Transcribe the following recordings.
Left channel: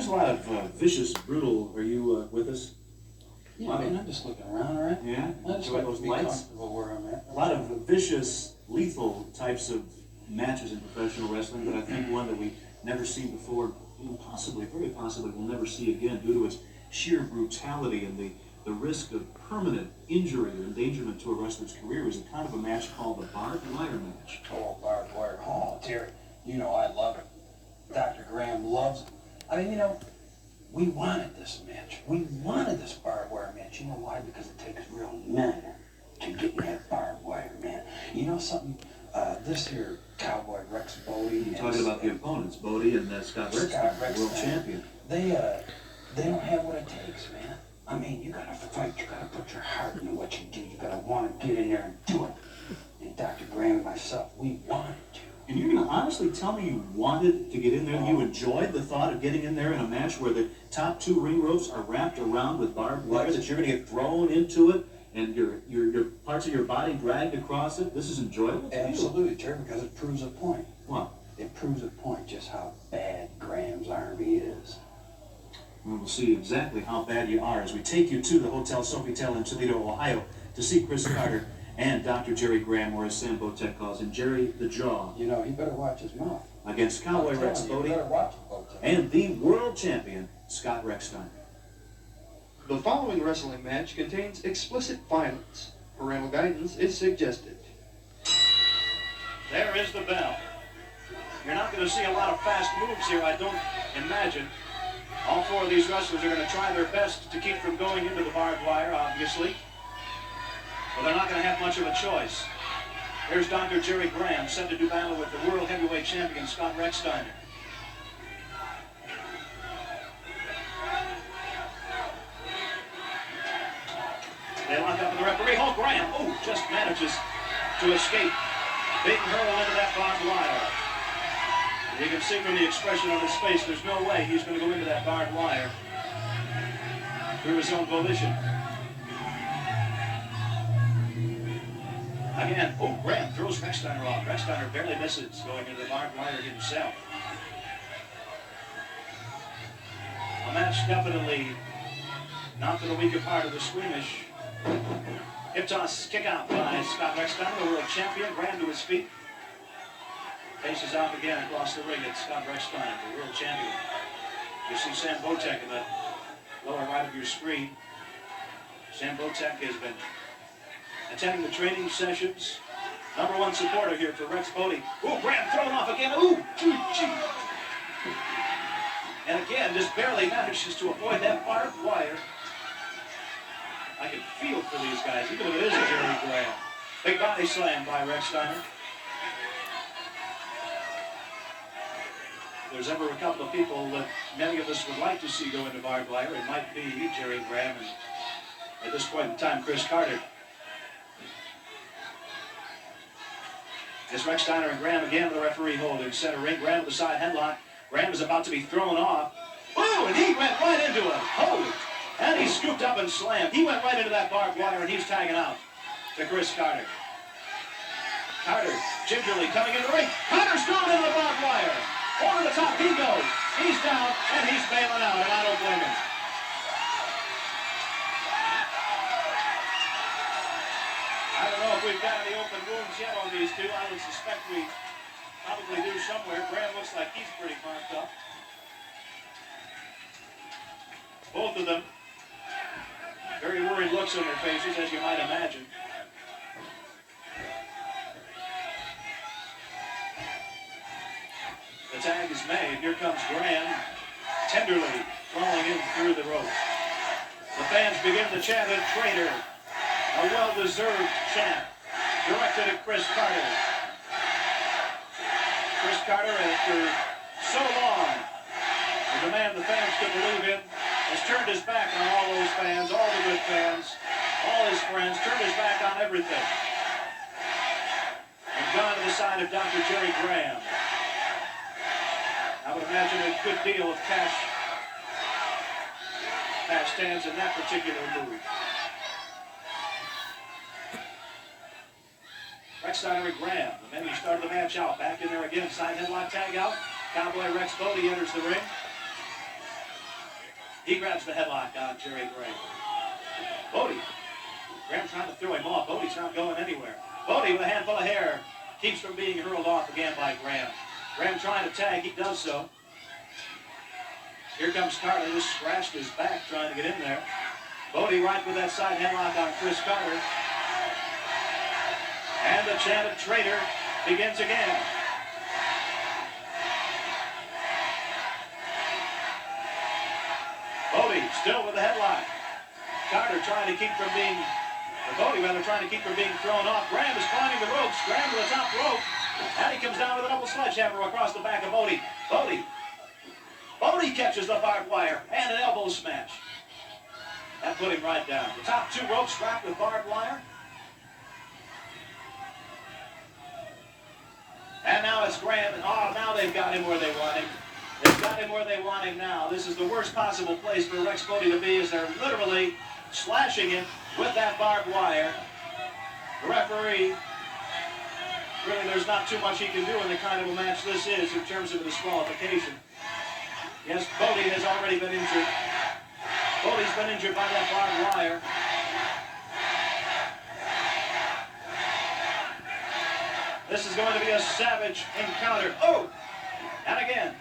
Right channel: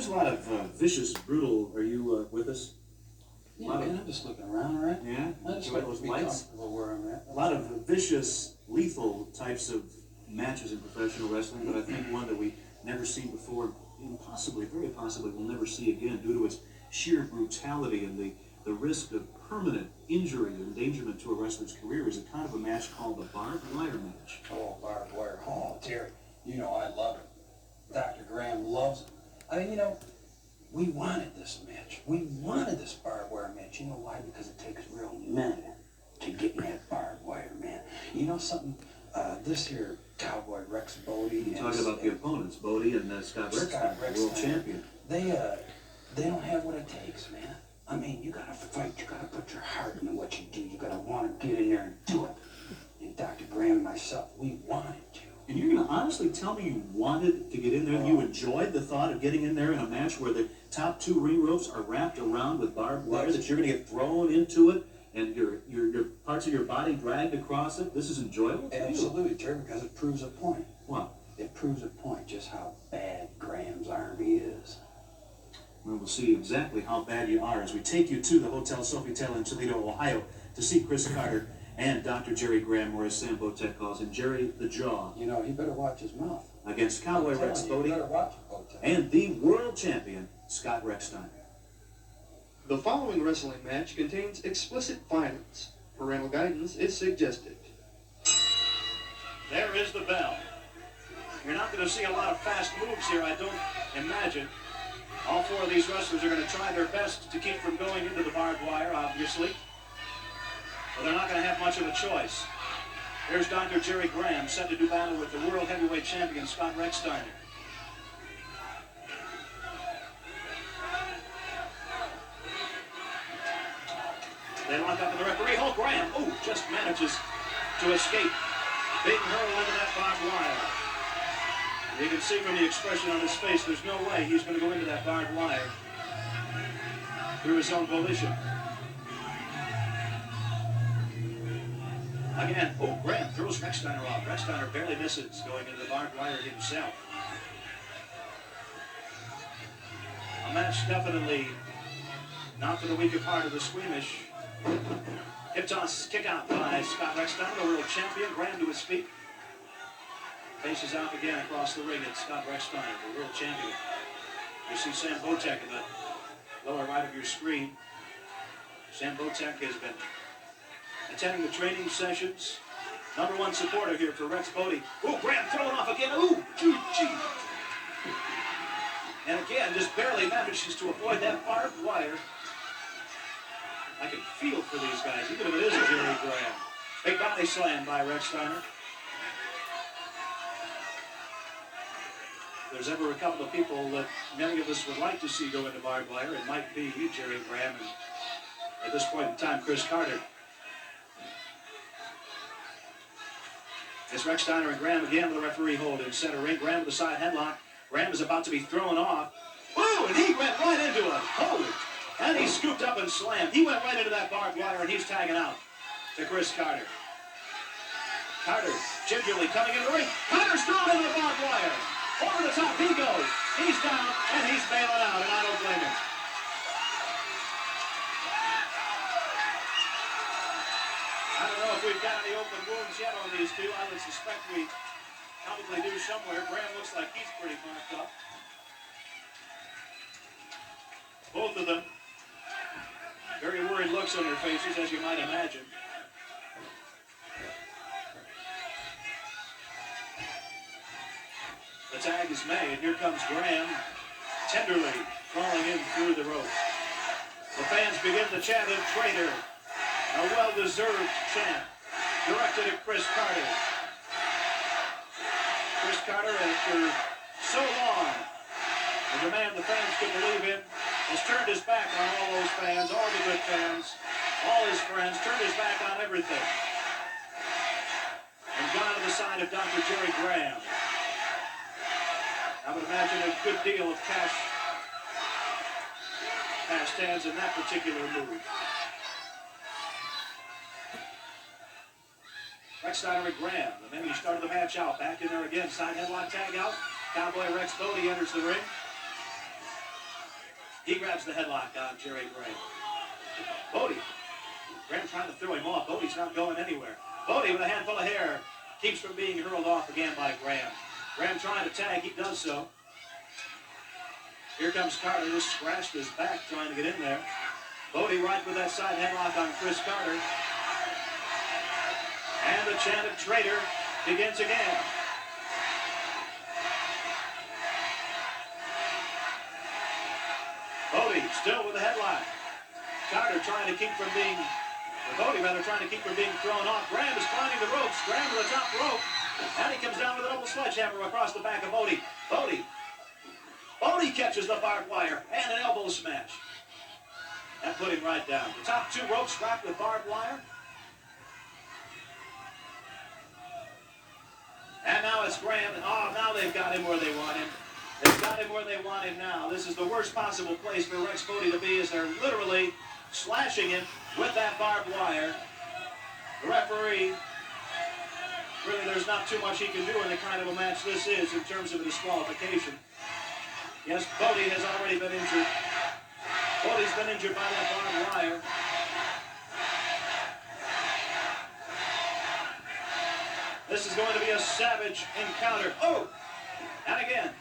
There's a lot of vicious, brutal. Are you with us? Yeah, man, I'm just looking around, all right? Yeah? I just Enjoy want those to be lights? comfortable where I'm at. A lot of vicious, lethal types of matches in professional wrestling, but I think one that we never seen before, and possibly, very possibly, we'll never see again due to its sheer brutality and the risk of permanent injury or endangerment to a wrestler's career is a kind of a match called the barbed wire match. Oh, barbed wire. Oh, Terry, you know I love it. Dr. Graham loves it. I mean, you know, we wanted this match. We wanted this barbed wire match. You know why? Because it takes real men to get in that barbed wire, man. You know something? This here cowboy Rex Bodie. You're talking about the opponents, Bodie and Scott Rechsteiner, world champion. They don't have what it takes, man. I mean, you gotta fight. You gotta put your heart into what you do. You gotta want to get in there and do it. And Dr. Graham and myself, we wanted to. And you're going to honestly tell me you wanted to get in there? You enjoyed the thought of getting in there in a match where the top two ring ropes are wrapped around with barbed wire, that you're going to get thrown into it and your parts of your body dragged across it? This is enjoyable? Absolutely, Terry, because it proves a point. What? It proves a point just how bad Graham's army is. Well, we'll see exactly how bad you are as we take you to the Hotel Sofitel in Toledo, Ohio, to see Chris Carter and Dr. Jerry Graham, or as Sam Botek calls him, Jerry the Jaw. You know, he better watch his mouth. Against Cowboy Rex Bodie and the world champion, Scott Rechsteiner. The following wrestling match contains explicit violence. Parental guidance is suggested. There is the bell. You're not going to see a lot of fast moves here, I don't imagine. All four of these wrestlers are going to try their best to keep from going into the barbed wire, obviously. But they're not going to have much of a choice. There's Dr. Jerry Graham, set to do battle with the world heavyweight champion, Scott Rechsteiner. They lock up with the referee. Oh, Graham, just manages to escape being hurled into that barbed wire. You can see from the expression on his face, there's no way he's going to go into that barbed wire through his own volition. Again, Graham throws Rechsteiner off. Rechsteiner barely misses going into the barbed wire himself. A match definitely not for the weak of heart or the squeamish. Hip toss, kick out by Scott Rechsteiner, the world champion. Graham to his feet. Faces off again across the ring at Scott Rechsteiner, the world champion. You see Sam Botek in the lower right of your screen. Sam Botek has been attending the training sessions. Number one supporter here for Rex Bodie. Graham thrown off again. Gee. And again, just barely manages to avoid that barbed wire. I can feel for these guys, even if it is Jerry Graham. Big body slam by Rechsteiner. If there's ever a couple of people that many of us would like to see go into barbed wire, it might be Jerry Graham and, at this point in time, Chris Carter. It's Rechsteiner and Graham again with the referee hold in center ring. Graham with the side headlock. Graham is about to be thrown off. And he went right into it. Holy. And he scooped up and slammed. He went right into that barbed wire, and he's tagging out to Chris Carter. Carter gingerly coming in the ring. Carter's thrown into the barbed wire. Over the top he goes. He's down, and he's bailing out, and I don't blame him. I don't know if we've got any open wounds yet on these two. I would suspect we probably do somewhere. Graham looks like he's pretty marked up. Both of them, very worried looks on their faces, as you might imagine. The tag is made. Here comes Graham, tenderly crawling in through the ropes. The fans begin to chant a traitor. A well-deserved chant directed at Chris Carter. Chris Carter, after so long, the man the fans could believe in, has turned his back on all those fans, all the good fans, all his friends, turned his back on everything. And gone to the side of Dr. Jerry Graham. I would imagine a good deal of cash hands in that particular move. Rechsteiner and Graham, the men who started the match out, back in there again. Side headlock tag out. Cowboy Rex Bodie enters the ring. He grabs the headlock on Jerry Graham. Bodie. Graham trying to throw him off. Bodie's not going anywhere. Bodie with a handful of hair keeps from being hurled off again by Graham. Graham trying to tag. He does so. Here comes Carter, who scratched his back trying to get in there. Bodie right with that side headlock on Chris Carter. And the chant of traitor begins again. Bodie still with the headlock. Carter trying to keep from being, or Bodie rather, trying to keep from being thrown off. Graham is climbing the ropes. Graham to the top rope. And he comes down with a double sledgehammer across the back of Bodie. Bodie catches the barbed wire and an elbow smash. That put him right down. The top two ropes strapped with barbed wire. And now it's Graham. And now they've got him where they want him. They've got him where they want him now. This is the worst possible place for Rex Bodie to be, as they're literally slashing him with that barbed wire. The referee, really, there's not too much he can do in the kind of a match this is in terms of a disqualification. Yes, Bodie has already been injured. Bodie's been injured by that barbed wire. This is going to be a savage encounter. Oh! And again,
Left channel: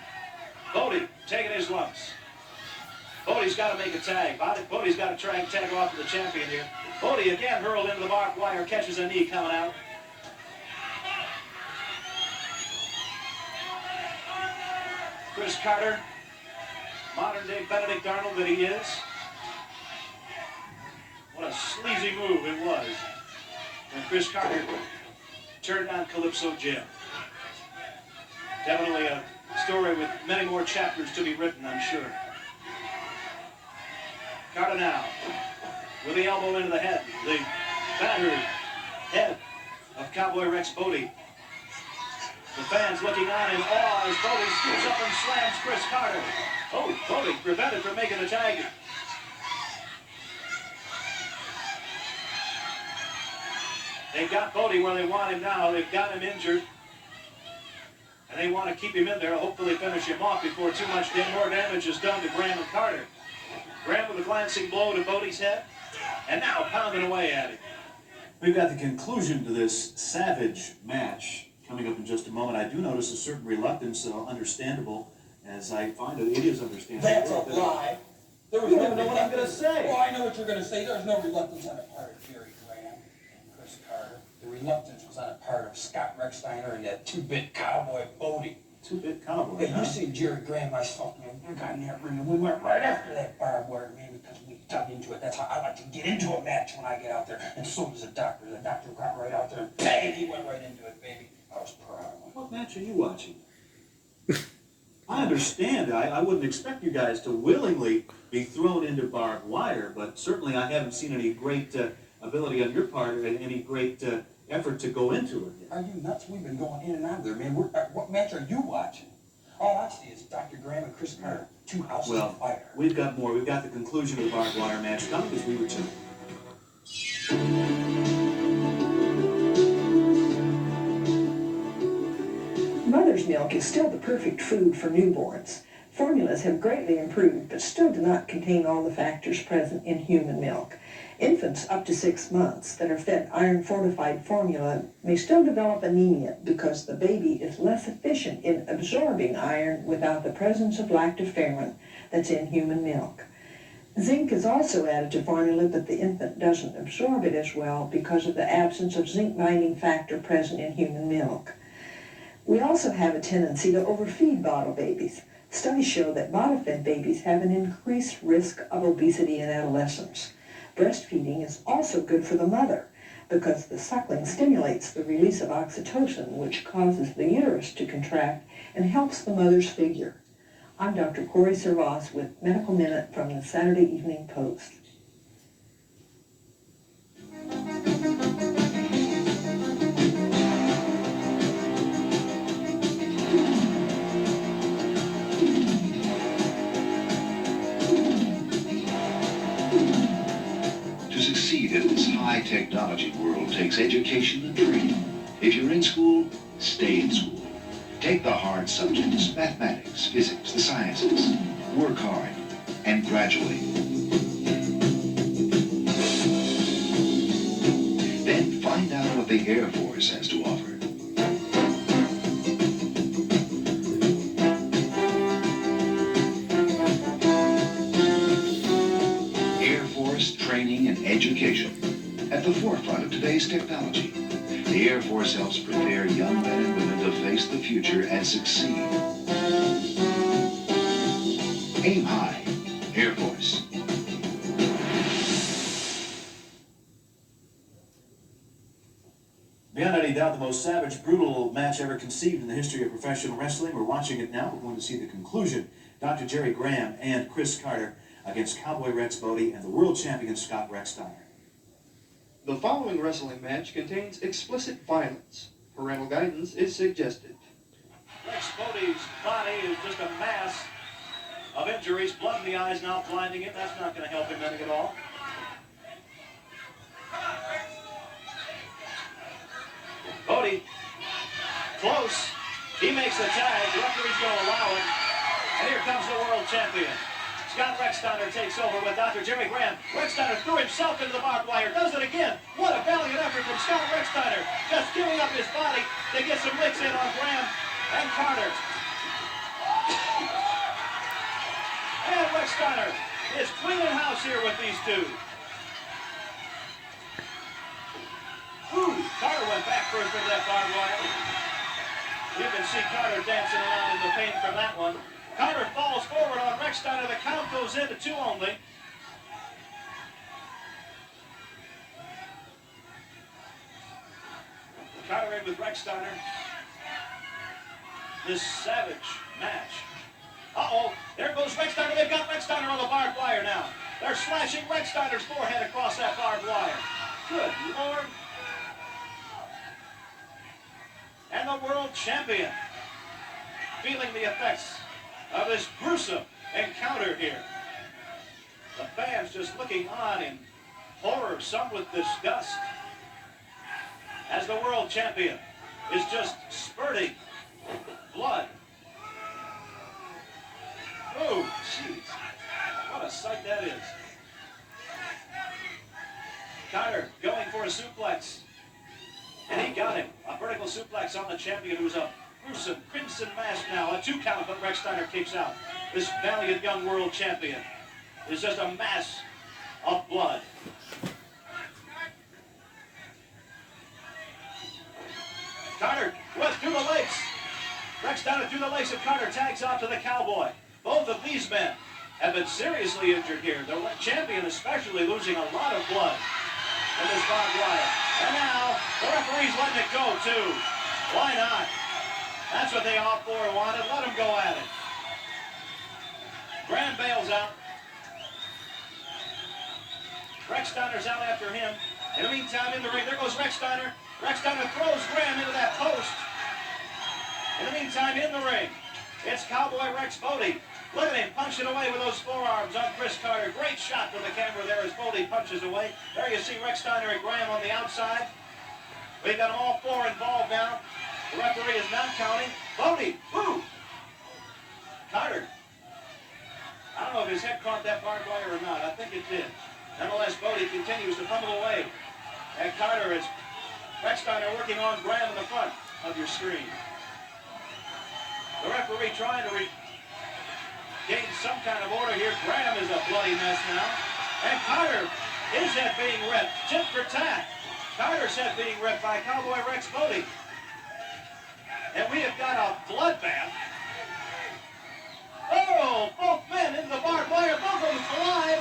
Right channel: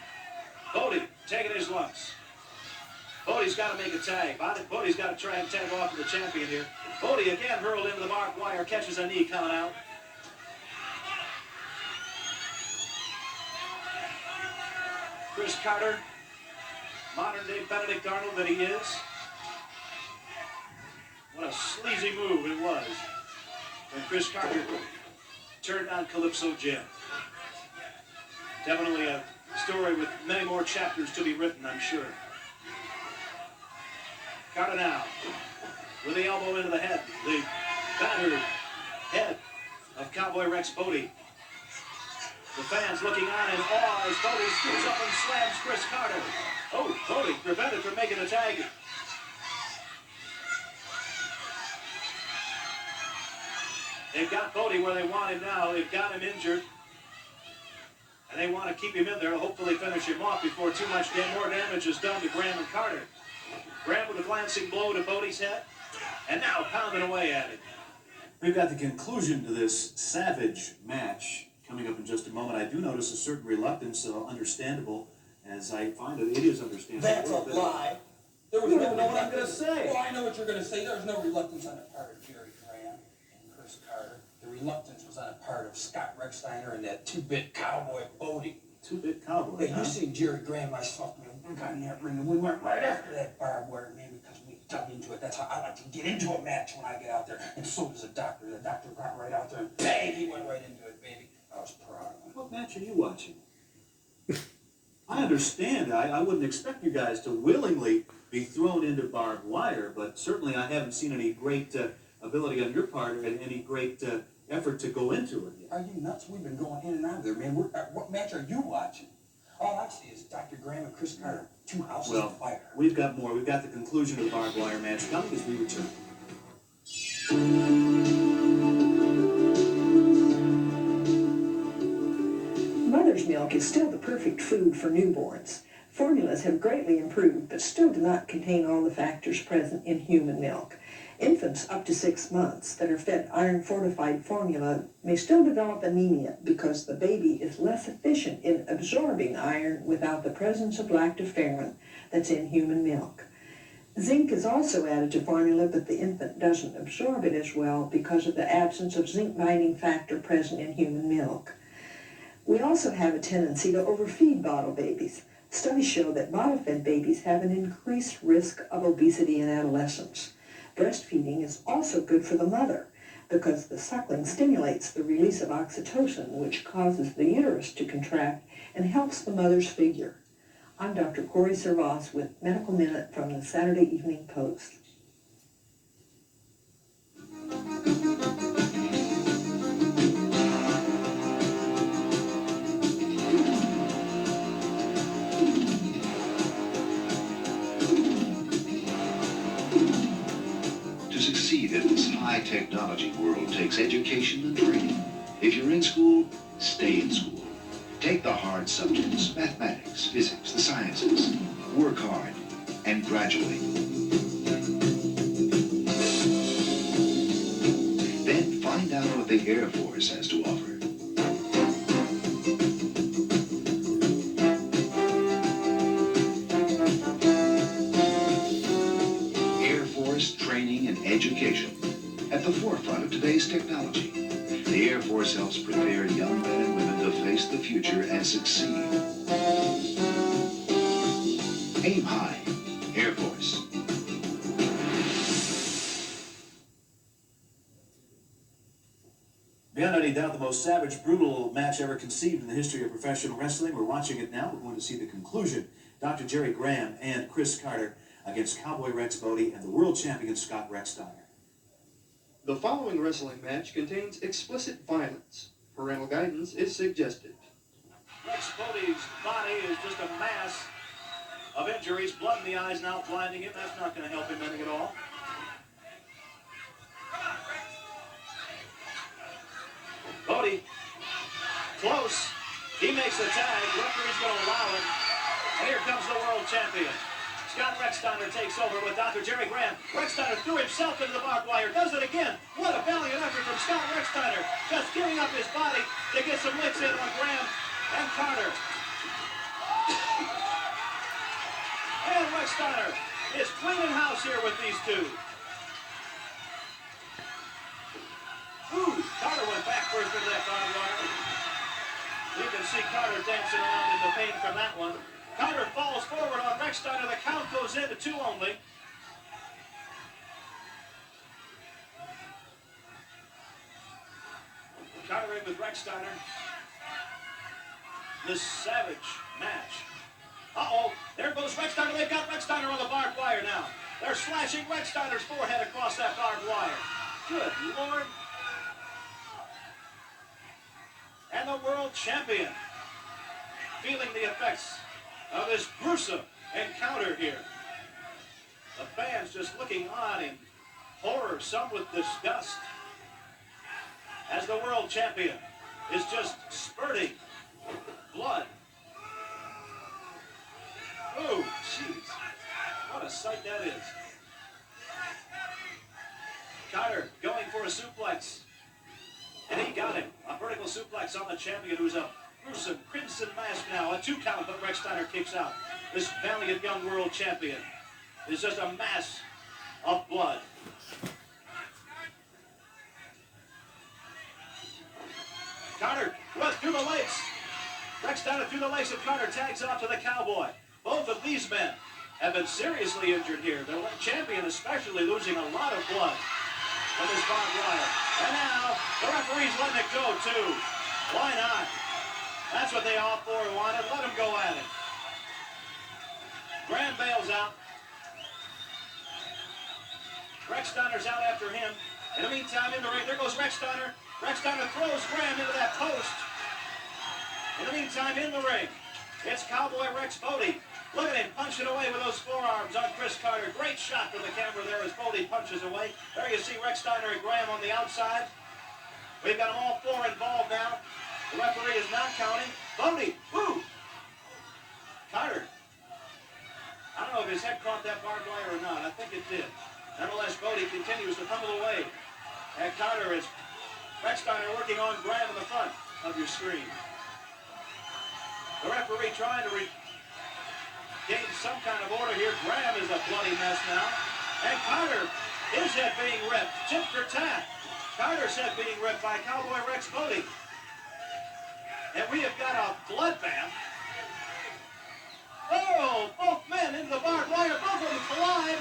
Bodie taking his lumps. Bodie's got to make a tag. Bodie's got to try and tag off to the champion here. Bodie again hurled into the barbed wire, catches a knee coming out. Chris Carter, modern day Benedict Arnold that he is. What a sleazy move it was when Chris Carter turned on Calypso Jim. Definitely a story with many more chapters to be written, I'm sure. Carter now with the elbow into the head. The battered head of Cowboy Rex Bodie. The fans looking on in awe as Bodie scoops up and slams Chris Carter. Oh, Bodie prevented from making the tag. They've got Bodie where they want him now. They've got him injured. And they want to keep him in there to hopefully finish him off before too much more damage is done to Graham and Carter. Graham with a glancing blow to Bodie's head. And now pounding away at him. We've got the conclusion to this savage match coming up in just a moment. I do notice a certain reluctance, understandable, as I find it is understandable. That's a lie. There was You no don't even know what I'm going to say. Well, I know what you're going to say. There was no reluctance on the part of Jerry Graham and Chris Carter. The reluctance was on the part of Scott Rechsteiner and that two-bit cowboy Bodie. Two-bit cowboy, Hey, huh? you see Jerry Graham, myself, man, we got in that ring and we went right after that barbed wire, man, because we dug into it. That's how I like to get into a match when I get out there. And so does the doctor. The doctor got right out there and bang, he went right into it, baby. I was proud of him. What match are you watching? I understand. I wouldn't expect you guys to willingly be thrown into barbed wire, but certainly I haven't seen any great ability on your part and any great effort to go into it yet. Are you nuts? We've been going in and out of there, man. What match are you watching? All I see is Dr. Graham and Chris Carter, two houses of fire. We've got more. We've got the conclusion of the barbed wire match coming as we return. Mother's milk is still the perfect food for newborns. Formulas have greatly improved, but still do not contain all the factors present in human milk. Infants up to 6 months that are fed iron-fortified formula may still develop anemia because the baby is less efficient in absorbing iron without the presence of lactoferrin that's in human milk. Zinc is also added to formula, but the infant doesn't absorb it as well because of the absence of zinc-binding factor present in human milk. We also have a tendency to overfeed bottle babies. Studies show that bottle-fed babies have an increased risk of obesity in adolescence. Breastfeeding is also good for the mother because the suckling stimulates the release of oxytocin, which causes the uterus to contract and helps the mother's figure. I'm Dr. Corey Servas with Medical Minute from the Saturday Evening Post. To succeed in this high-technology world takes education and training. If you're in school, stay in school. Take the hard subjects, mathematics, physics, the sciences. Work hard. and graduate. Then find out what the Air Force has to offer. Air Force training and education at the forefront of today's technology. The Air Force helps prepare young men and women to face the future and succeed. Aim high, Air Force. Beyond any doubt, the most savage, brutal match ever conceived in the history of professional wrestling. We're watching it now. We're going to see the conclusion. Dr. Jerry Graham and Chris Carter against Cowboy Rex Bodie and the world champion Scott Rechsteiner. The following wrestling match contains explicit violence. Parental guidance is suggested. Rex Bodie's body is just a mass of injuries. Blood in the eyes now blinding him. That's not going to help him any at all. Bodie, close. He makes the tag. The referee's going to allow it. And here comes the world champion. Scott Rechsteiner takes over with Dr. Jerry Graham. Rechsteiner threw himself into the barbed wire. Does it again. What a valiant effort from Scott Rechsteiner. Just giving up his body to get some licks in on Graham and Carter. And Rechsteiner is cleaning house here with these two. Ooh, Carter went back first into that barbed wire. You can see Carter dancing around in the pain from that one. Carter falls forward on Rechsteiner. The count goes into 2 only. Carter in with Rechsteiner. This savage match. Uh-oh, there goes Rechsteiner. They've got Rechsteiner on the barbed wire now. They're slashing Rechsteiner's forehead across that barbed wire. Good Lord. And the world champion feeling the effects of this gruesome encounter here. The fans just looking on in horror, some with disgust, as the world champion is just spurting blood. Oh, jeez. What a sight that is. Carter going for a suplex. And he got him. A vertical suplex on the champion, who's a gruesome crimson mask now. A 2 count, but Rechsteiner kicks out. This valiant young world champion is just a mass of blood. Carter went through the legs. Rechsteiner through the legs of Carter, tags off to the Cowboy. Both of these men have been seriously injured here. The champion especially losing a lot of blood in this barbed wire. And now, the referee's letting it go, too. Why not? That's what they all 4 wanted. Let them go at it. Graham bails out. Rechsteiner's out after him. In the meantime, in the ring, there goes Rechsteiner. Rechsteiner throws Graham into that post. In the meantime, in the ring, it's Cowboy Rex Bodie. Look at him punching away with those forearms on Chris Carter. Great shot from the camera there as Bodie punches away. There you see Rechsteiner and Graham on the outside. We've got them all 4 involved now. The referee is not counting. Bodie, woo! Carter. I don't know if his head caught that barbed wire or not. I think it did. Nonetheless, Bodie continues to pummel away. And Carter is Rechsteiner working on Graham in the front of your screen. The referee trying to gain some kind of order here. Graham is a bloody mess now. And Carter, his head being ripped. Tit for tat. Carter's head being ripped by Cowboy Rex Bodie. And we have got a bloodbath. Oh, both men into the barbed wire. Both of them collide.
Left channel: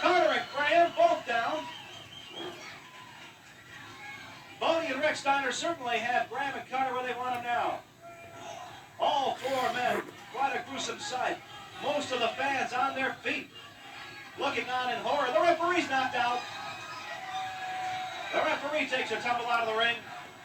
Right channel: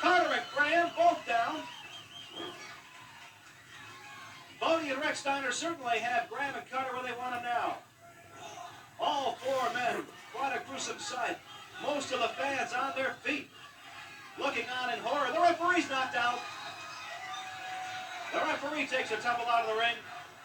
Carter and Graham both down. Bodie and Rechsteiner certainly have Graham and Carter where they want them now. All 4 men. Quite a gruesome sight. Most of the fans on their feet, looking on in horror. The referee's knocked out. The referee takes a tumble out of the ring.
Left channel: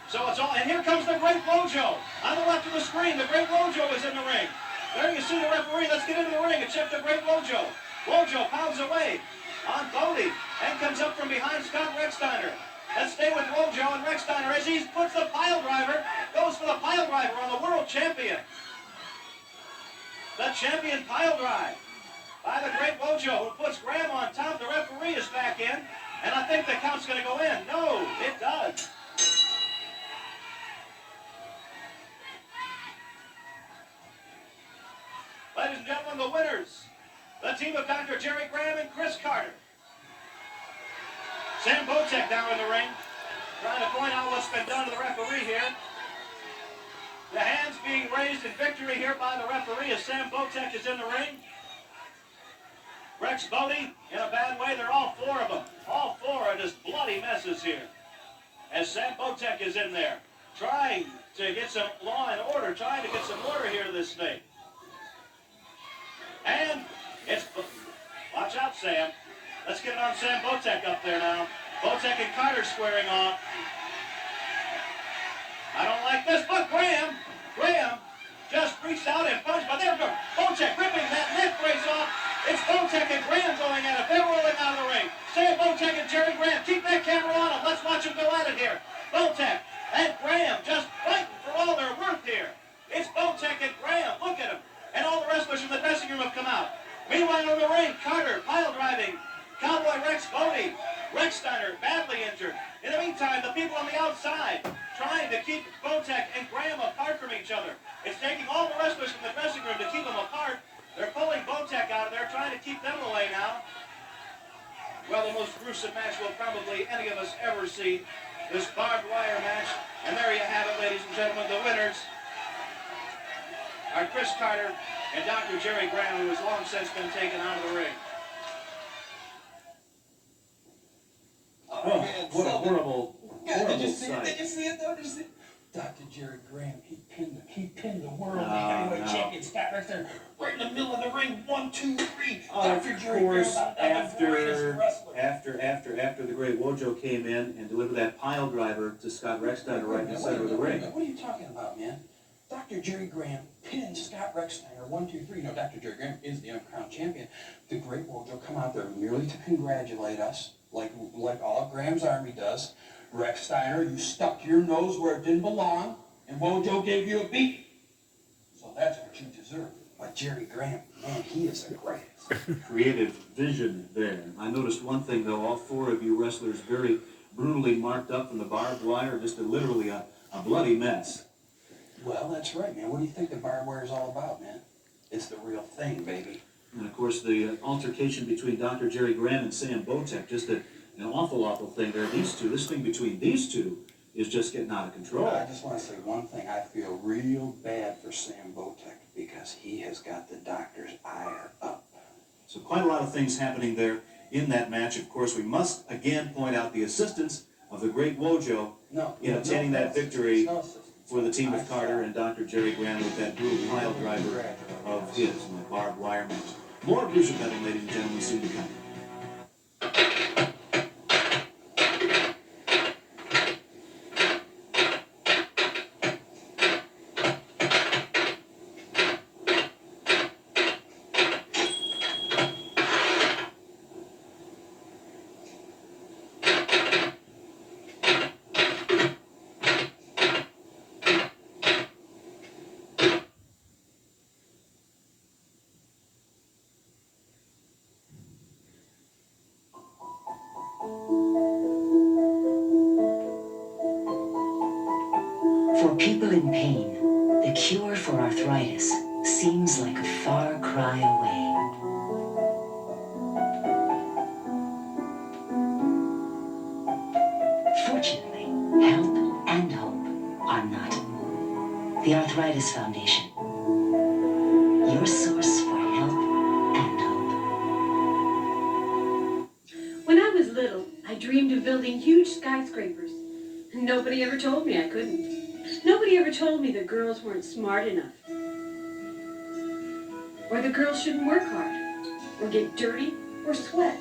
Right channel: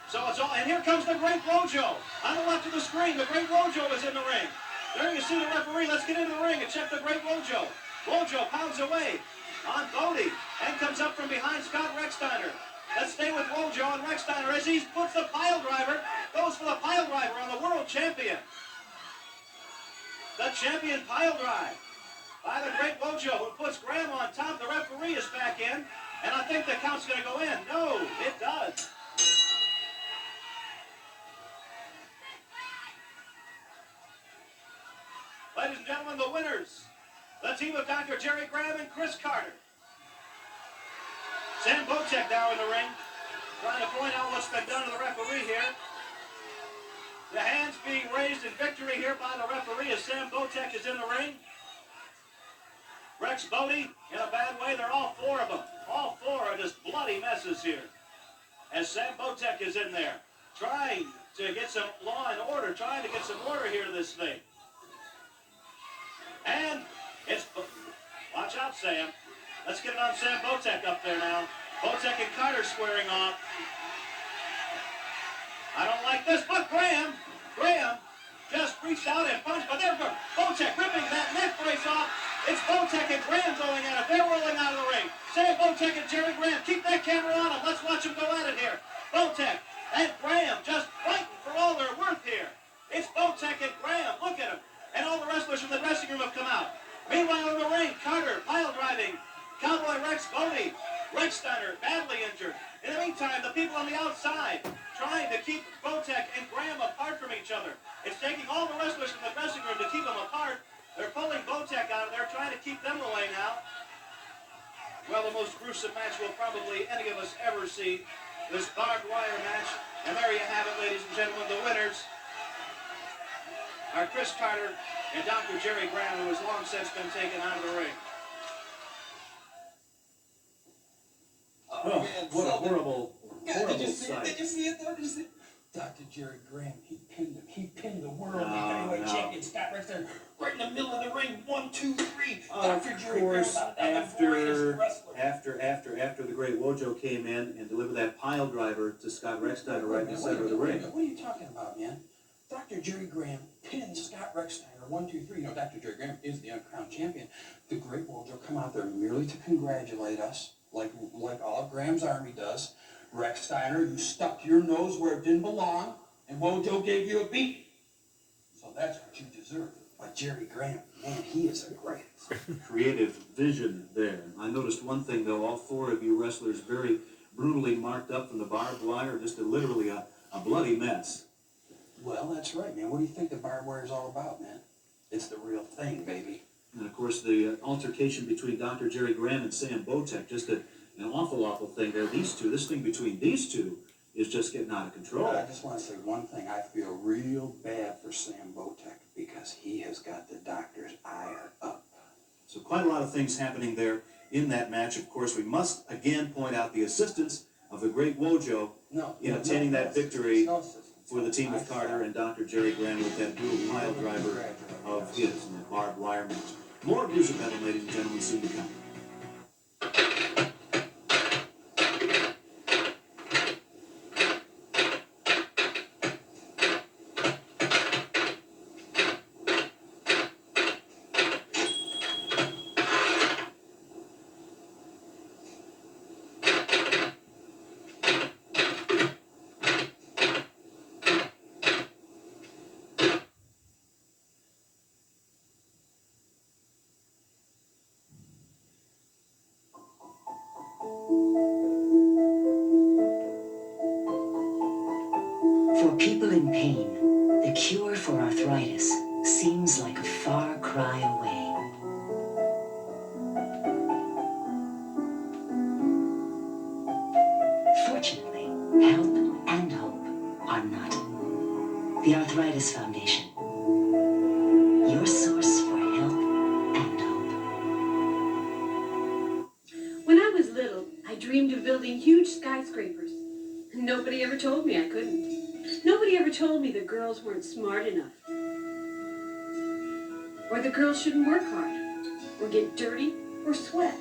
So it's all, and here comes the Great Wojo. On the left of the screen, the Great Wojo is in the ring. There you see the referee. Let's get into the ring and check the Great Wojo. Wojo pounds away on Bodie and comes up from behind Scott Rechsteiner. Let's stay with Wojo and Rechsteiner as he puts the pile driver, goes for the pile driver on the world champion. The champion pile drive. by the great Wojo, who puts Graham on top. The referee is back in, and I think the count's going to go in. No, it does. Ladies and gentlemen, the winners, the team of Dr. Jerry Graham and Chris Carter. Sam Botek now in the ring, trying to point out what's been done to the referee here. The hands being raised in victory here by the referee as Sam Botek is in the ring. Rex Bodie in a bad way. They're all four of them. All four are just bloody messes here. As Sam Botek is in there, trying to get some law and order, trying to get some order here to this thing. And it's, watch out, Sam. Let's get it on Sam Botek up there now. Botek and Carter squaring off. I don't like this, but Graham just reached out and punched, but there goes Botek ripping that neck brace off. It's Botek and Graham going at it. They're rolling out of the ring. Sam Botek and Jerry Graham. Keep that camera on them. Let's watch them go at it here. Botek and Graham just fighting for all they're worth here. It's Botek and Graham. Look at them. And all the wrestlers from the dressing room have come out. Meanwhile in the ring, Carter pile driving. Cowboy Rex Bodie. Rechsteiner badly injured. In the meantime, the people on the outside trying to keep Botek and Graham apart from each other. It's taking all the wrestlers from the dressing room to keep them apart. They're pulling Botek out of there, trying to keep them away now. Well, the most gruesome match we'll probably any of us ever see. This barbed wire match. And there you have it, ladies and gentlemen. The winners are Chris Carter and Dr. Jerry Graham, who has long since been taken out of the ring. Oh, what a horrible Did you see sight. it? Did you see it though? Did you see it? Dr. Jerry Graham, he pinned the world heavyweight champion Scott Rechsteiner right in the middle of the ring. 1, 2, 3. Dr. Jerry Graham about the greatest wrestler. After the great Wojo came in and delivered that pile driver to Scott Rechsteiner right in the center of the ring. What are you talking about, man? Dr. Jerry Graham pinned Scott Rechsteiner 1, 2, 3. No, Dr. Jerry Graham is the uncrowned champion. The great Wojo come out there merely to congratulate us, like all of Graham's army does. Rechsteiner, you stuck your nose where it didn't belong, and Wojo gave you a beat. So that's what you deserve. But Jerry Graham, man, he is the greatest. Creative vision there. I noticed one thing, though. All four of you wrestlers very brutally marked up from the barbed wire, just literally a bloody mess. Well, that's right, man. What do you think the barbed wire is all about, man? It's the real thing, baby. And, of course, the altercation between Dr. Jerry Graham and Sam Botek, just an awful thing there. These two, this thing between these two is just getting out of control. I just want to say one thing. I feel real bad for Sam Botek because he has got the doctor's ire up. So quite a lot of things happening there in that match. Of course, we must again point out the assistance of the great Wojo in obtaining that victory for the team of Carter and Dr. Jerry Graham with that brutal pile driver of his in the barbed wire match. More Bruiser Battle, ladies and gentlemen, soon to come. For people in pain, the cure for arthritis seems like a far cry away. Fortunately, help and hope are not. The Arthritis Foundation, your source for help and hope. When I was little, I dreamed of building huge skyscrapers. Nobody ever told me I couldn't. Nobody ever told me that girls weren't smart enough. Or that girls shouldn't work hard, or get dirty, or sweat.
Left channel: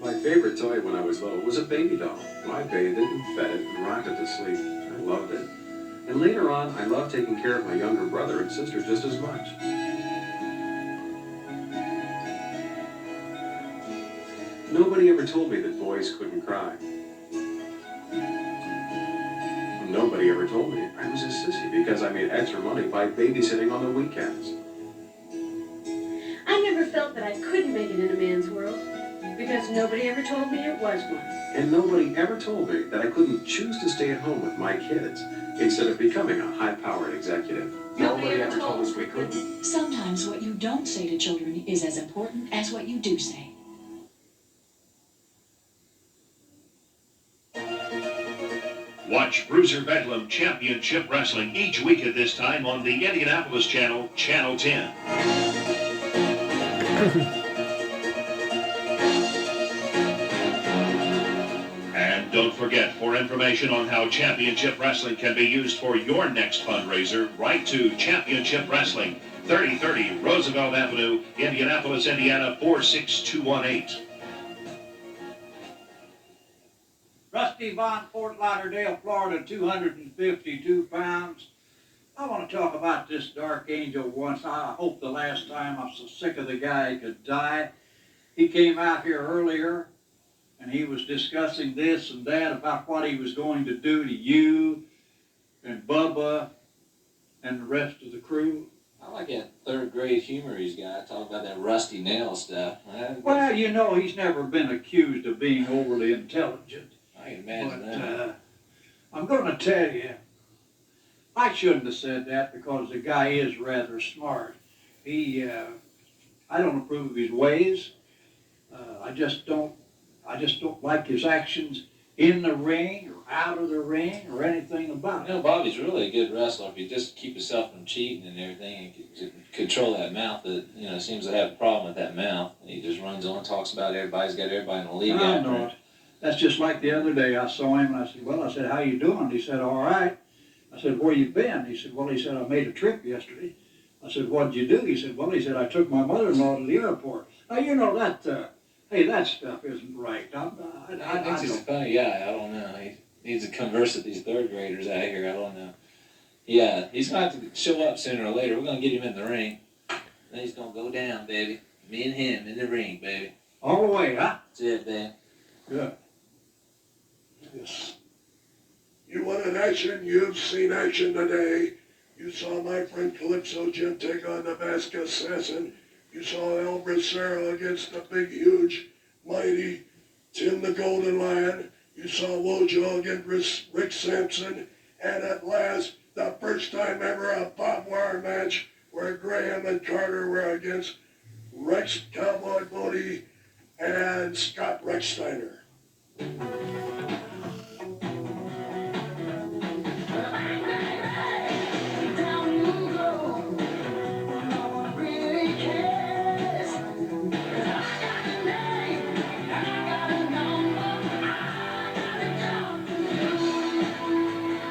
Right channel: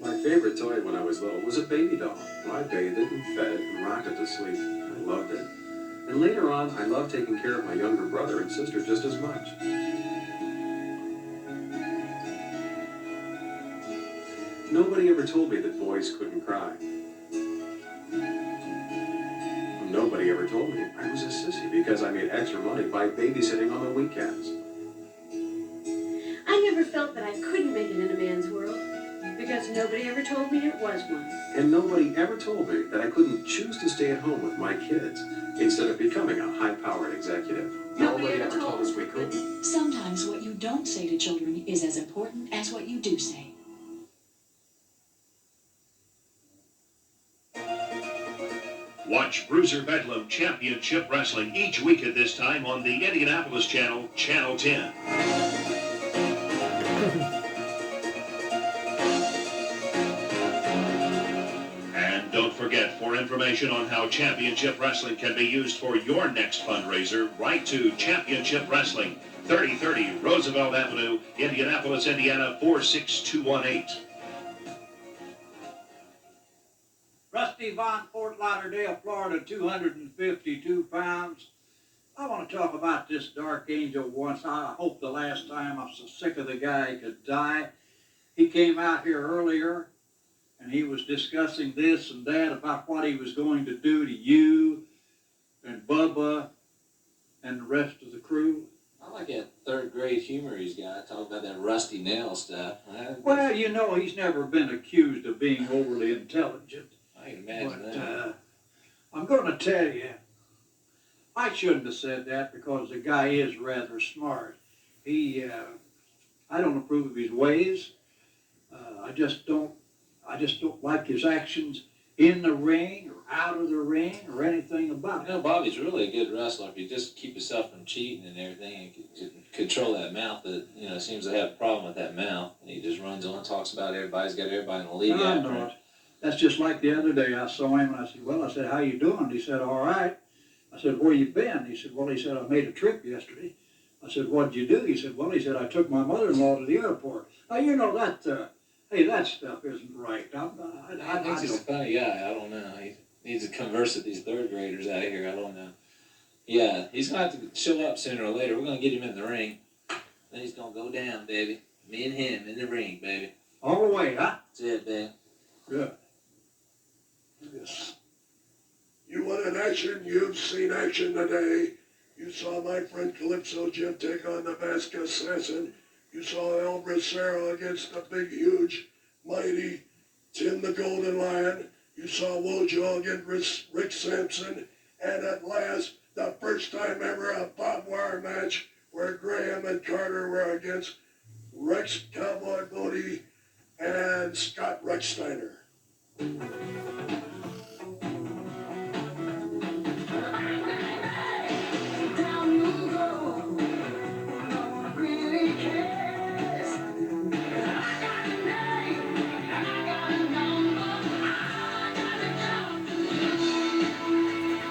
My favorite toy when I was little was a baby doll. I bathed it and fed it and rocked it to sleep. I loved it. And later on, I loved taking care of my younger brother and sister just as much. Nobody ever told me that boys couldn't cry. Nobody ever told me I was a sissy because I made extra money by babysitting on the weekends. I never felt that I couldn't make it in a man's world, because nobody ever told me it was one. And nobody ever told me that I couldn't choose to stay at home with my kids instead of becoming a high-powered executive. Nobody ever told us we couldn't. Sometimes what you don't say to children is as important as what you do say. Watch Bruiser Bedlam Championship Wrestling each week at this time on the Indianapolis channel, Channel 10. And don't forget, for information on how Championship Wrestling can be used for your next fundraiser, write to Championship Wrestling, 3030 Roosevelt Avenue, Indianapolis, Indiana, 46218. Rusty Von, Fort Lauderdale, Florida, 252 pounds. I want to talk about this Dark Angel once. I hope the last time. I'm so sick of the guy he could die. He came out here earlier and he was discussing this and that about what he was going to do to you and Bubba and the rest of the crew. I like that third grade humor he's got, talking about that rusty nail stuff. Well, you know, he's never been accused of being overly intelligent. I can imagine that. I'm going to tell you, I shouldn't have said that because the guy is rather smart. I don't approve of his ways. I just don't like his actions in the ring or out of the ring or anything about it. You know, Bobby's really a good wrestler if you just keep yourself from cheating and everything and control that mouth that, you know, seems to have a problem with that mouth. And he just runs on and talks about everybody's got everybody in the league after him. That's just like the other day I saw him and I said, well, I said, how you doing? He said, all right. I said, where you been? He said, well, he said, I made a trip yesterday. I said, what'd you do? He said, well, he said, I took my mother-in-law to the airport. Now, you know, hey, that stuff isn't right. I think he's a funny guy. I don't know. He needs to converse with these third graders out here. I don't know. Yeah, he's going to have to show up sooner or later. We're going to get him in the ring. Then he's going to go down, baby. Me and him in the ring, baby. All the way, huh? That's it, baby. Good. Yes. You want an action? You've seen action today. You saw my friend Calypso Jim take on the Masked Assassin. You saw El Bracero against the big, huge, mighty Tim the Golden Lion. You saw Wojo against Rick Sampson. And at last, the first time ever, a barbed wire match where Graham and Carter were against Rex Cowboy Bodie and Scott Rechsteiner.